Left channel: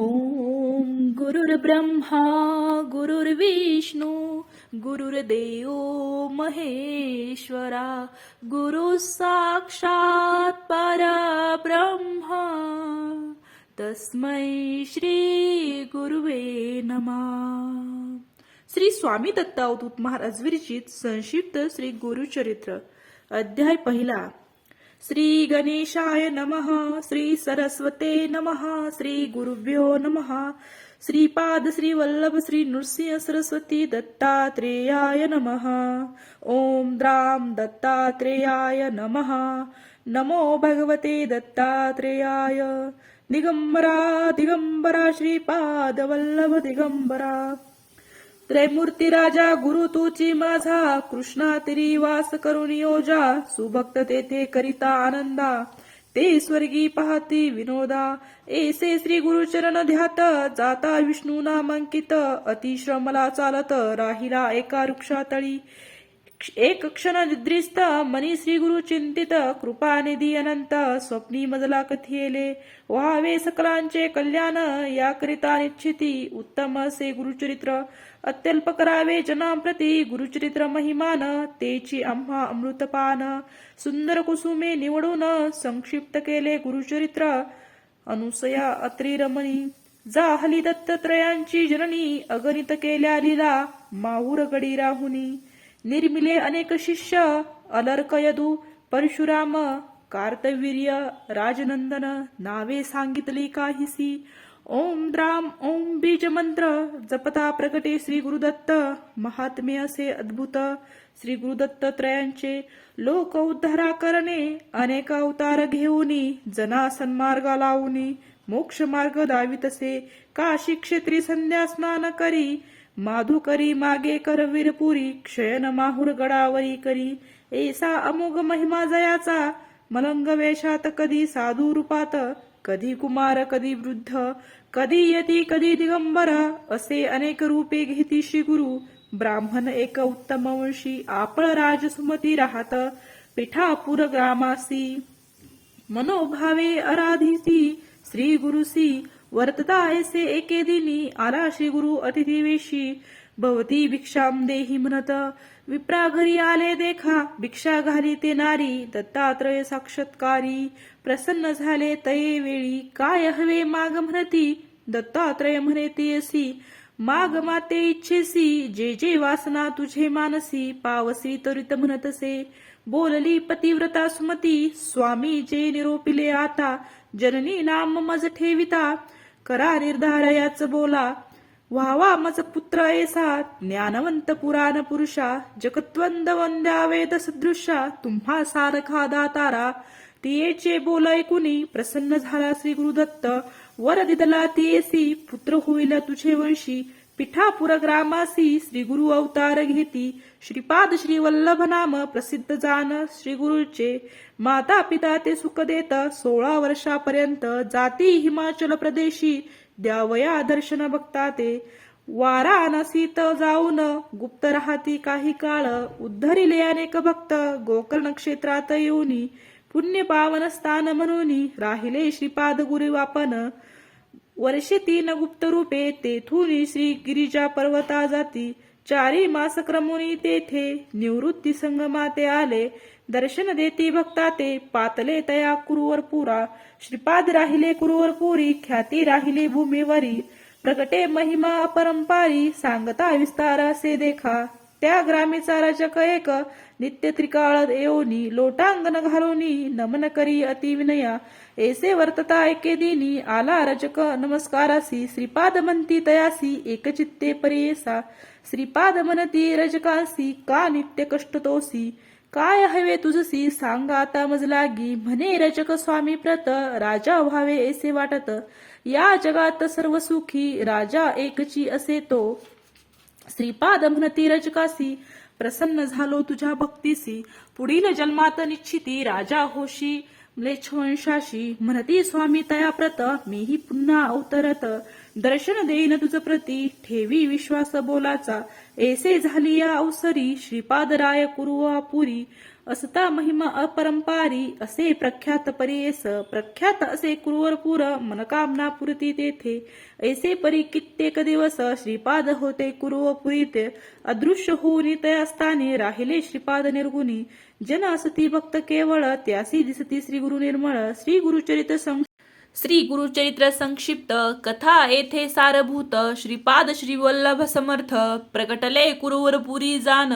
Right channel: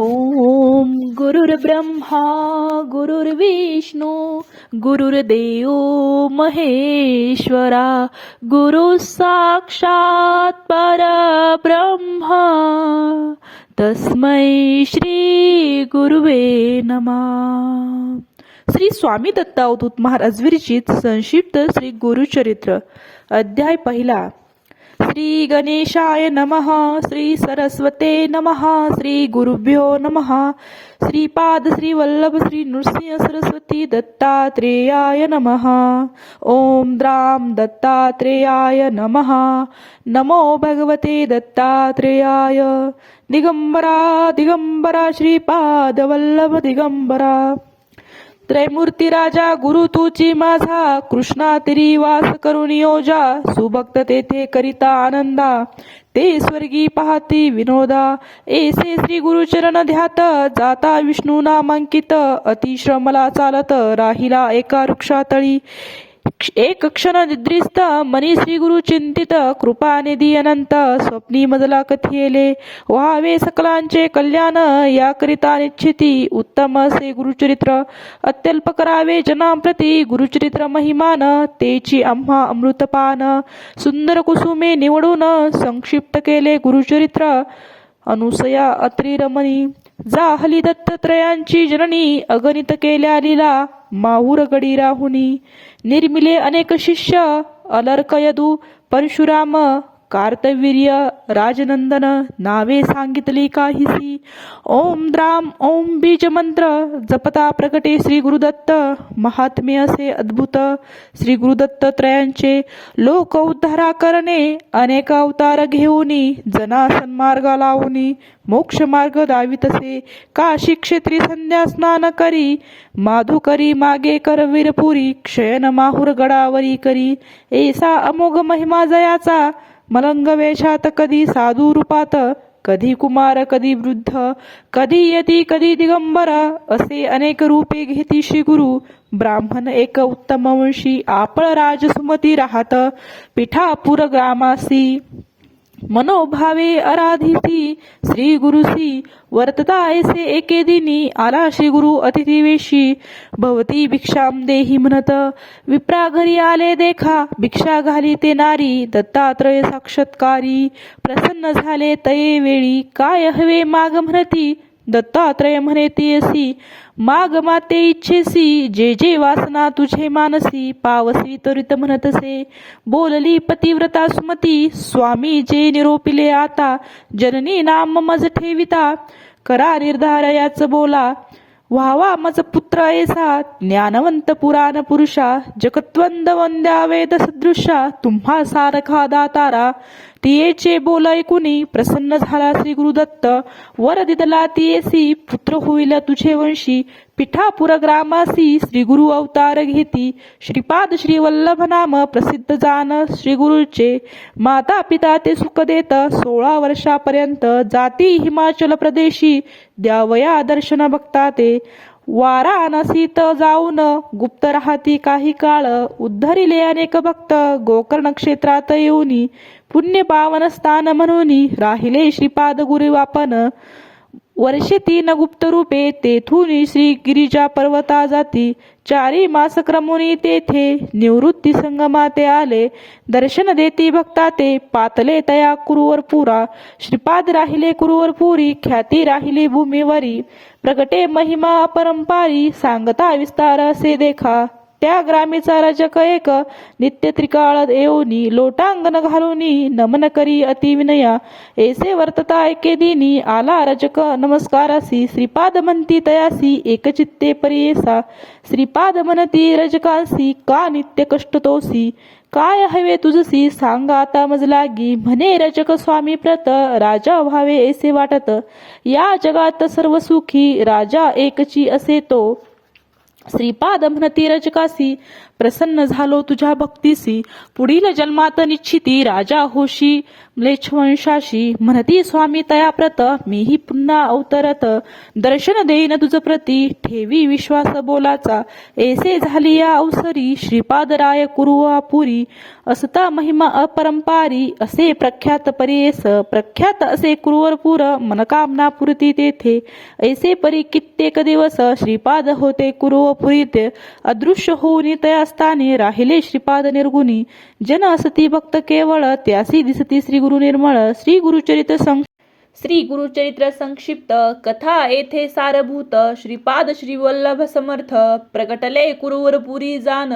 ॐ गुरुर्ब्रह्मा गुरुर्विष्णू गुरुर्देव महेश्वरा गुरु साक्षात परब्रह्मा तस्मै श्री गुरुवे नमः. श्री स्वामी दत्तावधूत महाराज विरचित संक्षिप्त श्री गुरुचरित्र अध्याय पहिला. श्री गणेशाय नमः श्री सरस्वते नमः श्री गुरुभ्यो नमः श्रीपाद श्री वल्लभ श्री नृसिंह सरस्वती दत्तात्रेयाय नमः ओम द्राम दत्तात्रेयाय नमः नमो भगवते दत्तात्रेयाय दिगंबरा दिगंबरा श्रीपाद वल्लभ दिगंबरा। त्रैमूर्ती राजा गुरु तुची माझा कृष्णा तरी वास करून योजा सुभक्त तेथे करिता आनंदा ते स्वर्गी पाहती विनोदा एसे श्री गुरुचरण ध्यात जाता विष्णू नामांकित अतिश्रमला चालत राहिला एका वृक्षातळी. एक क्षण निद्रिस्त मनी श्री गुरु चिंतित कृपा निधी अनंत स्वप्नी मजला कथियेले व्हावे सकलांचे कल्याण याकरिता निश्चिती उत्तम असे गुरुचरित्र अत्यल्प करावे जनांप्रती गुरुचरित्र महिमान तेची आम्हा अमृतपान सुंदर कुसुमे निवडून संक्षिप्त केले गुरुचरित्र अनुसया अत्रिरमणी जा हली दत्तत्रयांची जननी अगणित केल्या लीला माहूर गडी राहुनी ನಿರ್ಮಿಲೆ ಅನೇಕ ಶಿಷ್ಯ ಅಲರ್ಕಯದು ಪರಶುರಾಮ कार्तवीर्य राजनंदन नावे सांगितली काहीसी ओम द्राम ओम बीज मंत्र जपता प्रकटे श्री गुरुदत्त. महात्मे असे अद्भुत. श्री गुरुदत्त त्रयांचे लोक उद्धारा करणे अनेक अवतार घेऊनी जना सन्मार्ग लावूनी मोक्ष मार्ग दावितसे. काशी क्षेत्री संध्या स्नान करी माधुकरी मागे कर वीरपुरी क्षयन माहुर गडावरी करी. ऐसा अमोघ महिमा जयाचा मलंग वेशात कधी साधू रूपात कधी कुमार कधी वृद्ध कधी यती कधी दिगंबर असे अनेक रूपे घेती श्री गुरु. ब्राह्मण एक उत्तम वंशी आपळ राजसुमती राहत पिठापूर ग्रामासी. मनोभावे अराधिसी श्री गुरुसी वर्तता ऐसे एके दिनी आला श्री गुरु अतिथिवेशी भवती भिक्षाम देही म्हणत विप्रा घरी आले देखा भिक्षा घाली ते नारी दत्तात्रय साक्षात्कारी प्रसन्न झाले तये वेळी काय हवे माग म्हणती दत्तात्रय म्हणे येसी माग माते इच्छेसी जे जे वासना तुझे मानसी पावसी त्वरित म्हणतसे. बोलली पतिव्रता सुमती स्वामी जे निरोपिले आता जननी नाम मज ठेविता करा निर्धार याच बोला. व्हावा मज पुत्र ऐसा ज्ञानवंत पुराण पुरुषा जगत्वंद वंद्या वेद सदृशा तुम्हा सारखा दातारा तियेचे बोल ऐकुनी प्रसन्न झाला श्री गुरुदत्त वर दिदला तियेसी पुत्र होईल तुझे वंशी. पिठापुर ग्रामासी श्री गुरु अवतार घेती. श्रीपाद श्री वल्लभ नाम प्रसिद्ध जान श्री गुरुचे. माता पिता ते सुख देत सोळा वर्षापर्यंत जाती हिमाचल प्रदेशी. द्यावया दर्शन बघता ते. वाराणसीत जाऊन गुप्त राहती काही काळ. उद्धरिले अनेक भक्त गोकर्ण क्षेत्रात येऊनी. पुण्य पावन स्थान म्हणून राहिले श्रीपाद गुरुवापन वर्षे तीन गुप्त रूपे तेथून श्री गिरिजा पर्वता जाती। चारी मास क्रमुनी तेथे निवृत्ती संगमाते आले। दर्शन देती भक्ता ते पातले तया कुरुवर पुरा। श्रीपाद राहिले कुरुवर पुरी ख्याती राहिली भूमीवरी। प्रगटे महिमा अपरंपारी सांगता विस्तार असे देखा। त्या ग्रामीचा रजक एक. नित्य त्रिकाळ येऊनी लोटांगण घालूनी नमन करी अति विनया. ऐसे वर्तता एके दिनी आला रजक नमस्कारासी. श्रीपाद म्हणती तयासी एकचित्ते परियेसा. श्रीपाद म्हणती रजकांसी का नित्य कष्ट तोसी. काय हवे तुझसी सांगा आता मजलागी. म्हणे रजक स्वामी प्रत राजा व्हावे ऐसे वाटत. या जगात सर्व सुखी राजा एकची असे तो. श्रीपाद रजकासी प्रसन्न झालो तुझ्या भक्तीसी. पुढील जन्मात निश्चिती राजा होशी. म्लेच्छवंशाशी म्हणती स्वामी तया प्रत मीही पुन्हा अवतरत. दर्शन देईन तुझ प्रती ठेवी विश्वास बोलाचा. ऐसे झाली या अवसरी श्रीपादराय कुरुवा पुरी असता महिमा अपरंपारी असे प्रख्यात परेस. प्रख्यात असे कुरुवरपुर मनकामना पुरती तेथे. ऐसे परी कित्येक दिवस श्रीपाद होते कुरुवपुरीत. अदृश्य होऊन तया स्थाने राहिले श्रीपाद निर्गुणी. जन असती भक्त केवळ त्यासी दिसती श्री गुरु निर्मळ श्री गुरुचरित सं श्री गुरुचरित्र संक्षिप्त कथा येथे सारभूत श्रीपाद श्रीवल्लभ समर्थ प्रकटले कुरुवरपुरी जान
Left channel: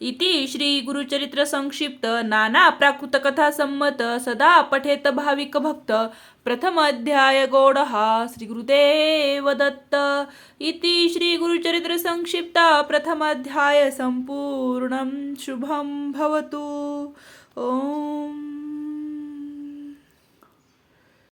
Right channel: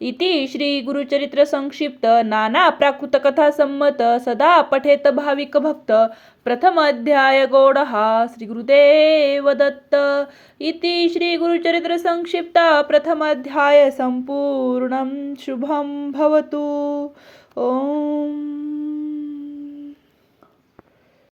इति श्री गुरुचरित्र संक्षिप्त नाना प्राकृत कथा संमत सदा पठेत भाविक भक्त. प्रथम अध्याय गोडहा श्री गुरुदेव दत्त. इति श्री गुरुचरित्र शुभं भवतु। ॐ